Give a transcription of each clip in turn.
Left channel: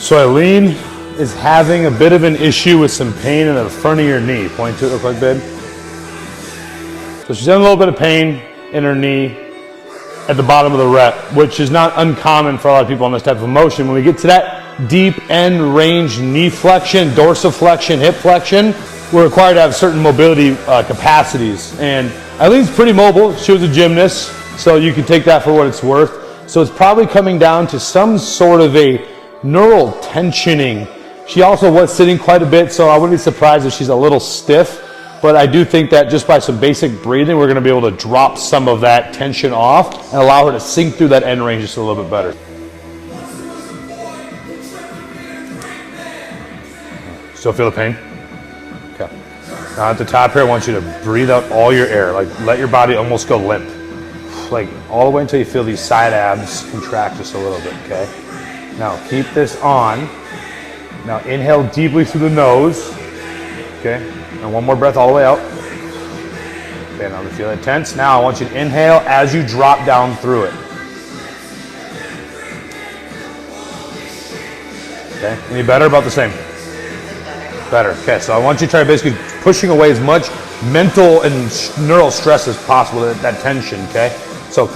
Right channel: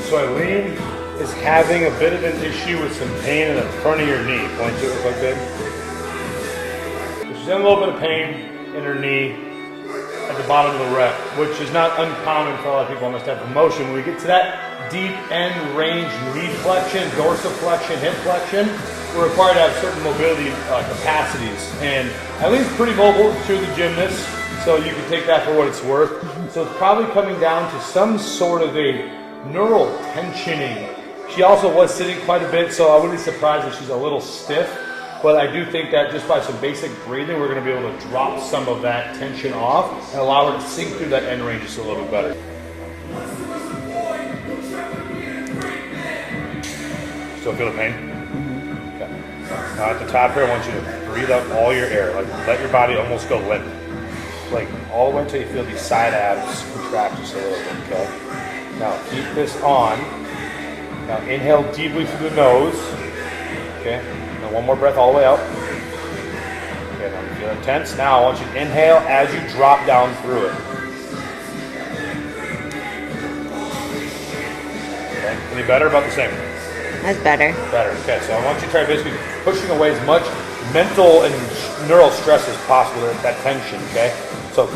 So Eileen is having a bit of an issue with some pain in the front of your knee. Point to it real quick, babe. So she's having a little bit of pain in her knee at the bottom of the rep, which is not uncommon for a lot of people on this type of motion. When we get to that deep end range knee flexion, dorsiflexion, hip flexion, we're required to have certain mobility capacities. And Eileen's pretty mobile. She was a gymnast, so you can take that for what it's worth. So it's probably coming down to some sort of a neural tensioning. She also was sitting quite a bit, so I wouldn't be surprised if she's a little stiff. But I do think that just by some basic breathing, we're going to be able to drop some of that tension off and allow her to sink through that end range just a little bit better. Still feel the pain? Okay. Now at the top here, I want you to breathe out all your air. Like let your body almost go limp. Like all the way until you feel these side abs contract just a little bit, okay? Now keep this on. Now inhale deeply through the nose, okay? And one more breath all the way out. Okay, now feel it tense. Now I want you to inhale as you drop down through it. Okay, any better? About the same? That's better. Better, okay. So I want you to try basically pushing away as much mental and neural stress as possible, that tension, okay? So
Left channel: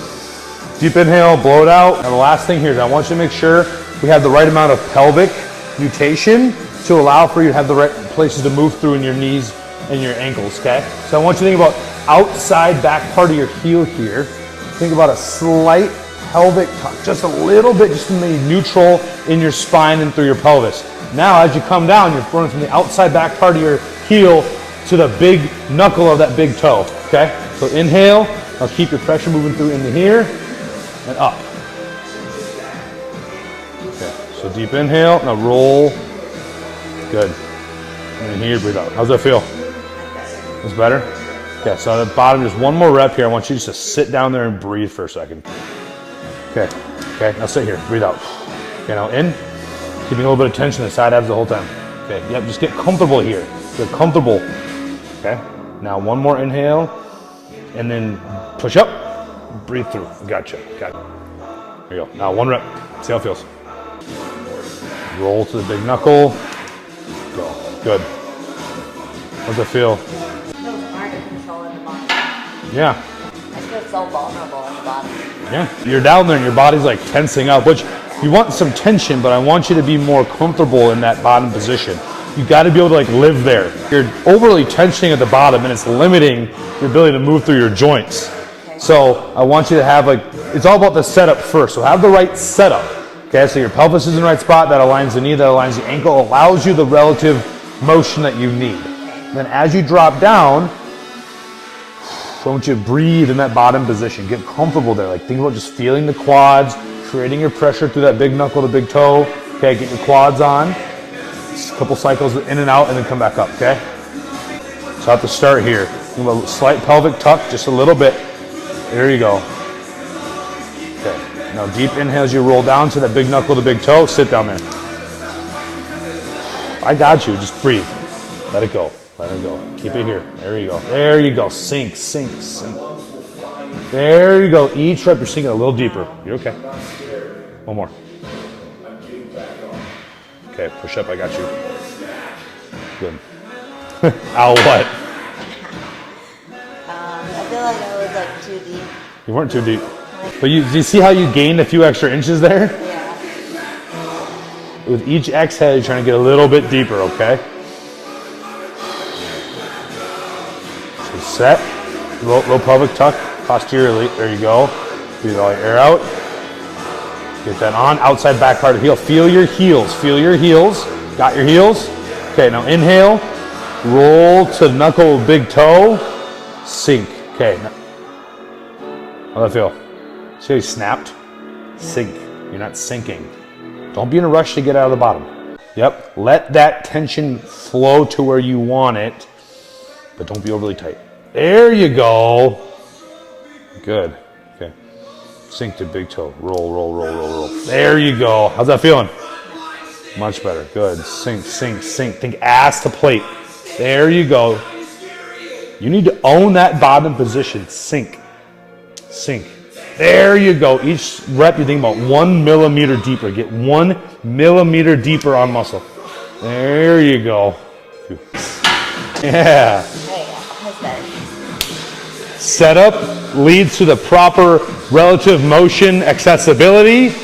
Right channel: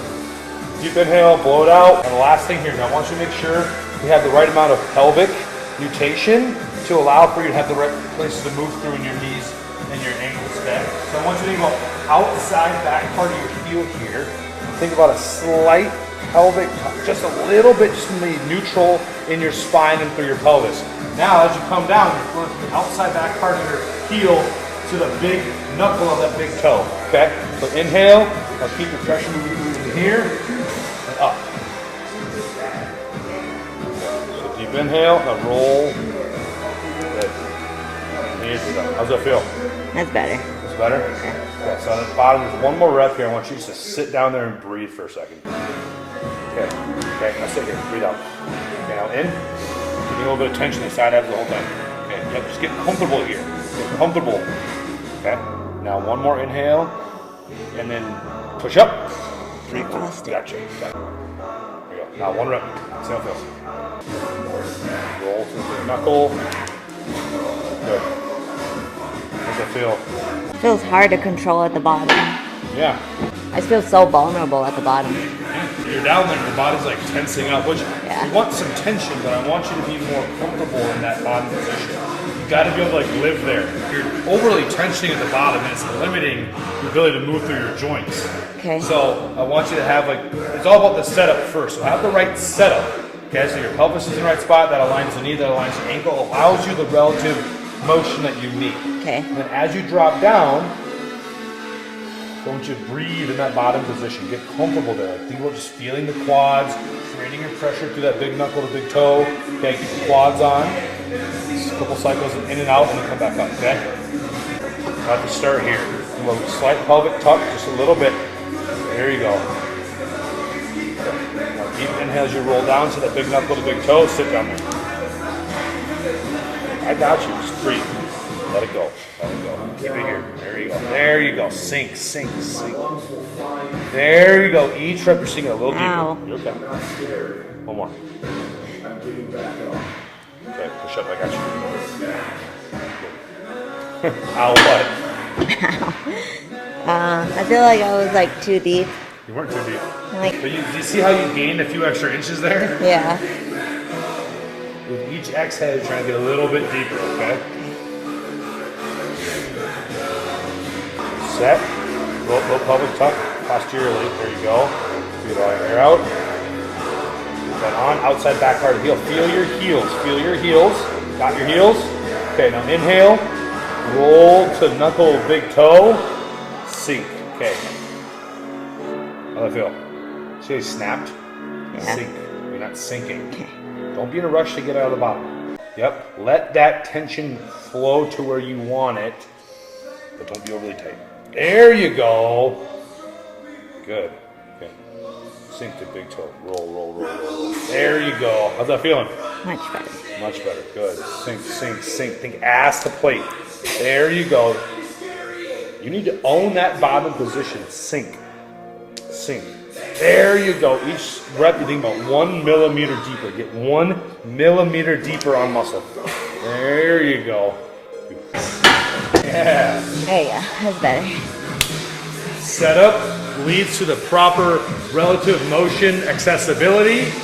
deep inhale, blow it out. Now the last thing here is I want you to make sure we have the right amount of pelvic nutation to allow for you to have the right places to move through in your knees and your ankles, okay? So I want you to think about outside back part of your heel here. Think about a slight pelvic tuck, just a little bit, just to be neutral in your spine and through your pelvis. Now as you come down, you're throwing from the outside back part of your heel to the big knuckle of that big toe, okay? So inhale, now keep your pressure moving through into here and up. Okay, so deep inhale, now roll. Good. And here, breathe out. How's that feel? That's better. That's better? Okay, so at the bottom, just one more rep here. I want you just to sit down there and breathe for a second. Okay, okay, now sit here, breathe out. Okay, now in, keeping a little bit of tension in the side abs the whole time. Okay, yep, just get comfortable here. Get comfortable. Okay, now one more inhale, and then push up, breathe through. Gotcha, got it. There you go. Now one rep, see how it feels. Roll to the big knuckle. Good. How's it feel? It feels hard to control at the bottom. Yeah. I feel so vulnerable at the bottom. Yeah. You're down there and your body's like tensing up, which you want some tension, but I want you to be more comfortable in that bottom position. You got to be able to like live there. You're overly tensioning at the bottom and it's limiting your ability to move through your joints. Okay. So I want you to have like, it's all about the setup first. So have the right setup. Okay, so your pelvis is in the right spot, that aligns the knee, that aligns the ankle, allows you the relative motion that you need. Okay. And then as you drop down, I want you to breathe in that bottom position. Get comfortable there. Like think about just feeling the quads, creating your pressure through that big knuckle to big toe. Okay, get your quads on. Just a couple cycles in and out and then come back up, okay? So at the start here, think about a slight pelvic tuck, just a little bit. There you go. Okay. Now deep inhale as you roll down to that big knuckle to big toe. Sit down there. I got you. Just breathe. Let it go. Let it go. Keep it here. There you go. There you go. Sink, sink, sink. There you go. Each rep you're sinking a little deeper. Ow. You're okay. One more. Okay, push up. I got you. Good. Ow, what? I feel like I was like too deep. You weren't too deep. Like, But do you see how you gained a few extra inches there? yeah. With each exhale, you're trying to get a little bit deeper, okay? So set, low pelvic tuck, posteriorly, there you go. Breathe all your air out. Get that on, outside back part of the heel. Feel your heels, Got your heels? Okay, now inhale, roll to knuckle of big toe, sink, okay. How'd that feel? See how you snapped? Yeah. Sink, you're not sinking. Don't be in a rush to get out of the bottom. Yep, let that tension flow to where you want it, but don't be overly tight. There you go. Good, okay. Sink to big toe, roll, roll, roll, roll, roll. There you go. How's that feeling? Much better. Much better, good. Sink, sink, sink. Think ass to plate. There you go. You need to own that bottom position. Sink, sink. There you go. Each rep, you think about 1 millimeter deeper. Get 1 millimeter deeper on muscle. There you go. Yeah. There you go. That's better. Setup leads to the proper relative motion accessibility,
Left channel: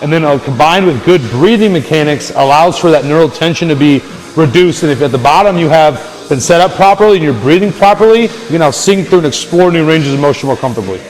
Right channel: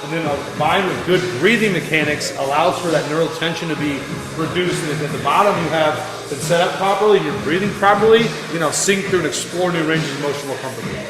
and then combined with good breathing mechanics allows for that neural tension to be reduced. And if at the bottom you have been set up properly and you're breathing properly, you can now sink through and explore new ranges of motion more comfortably.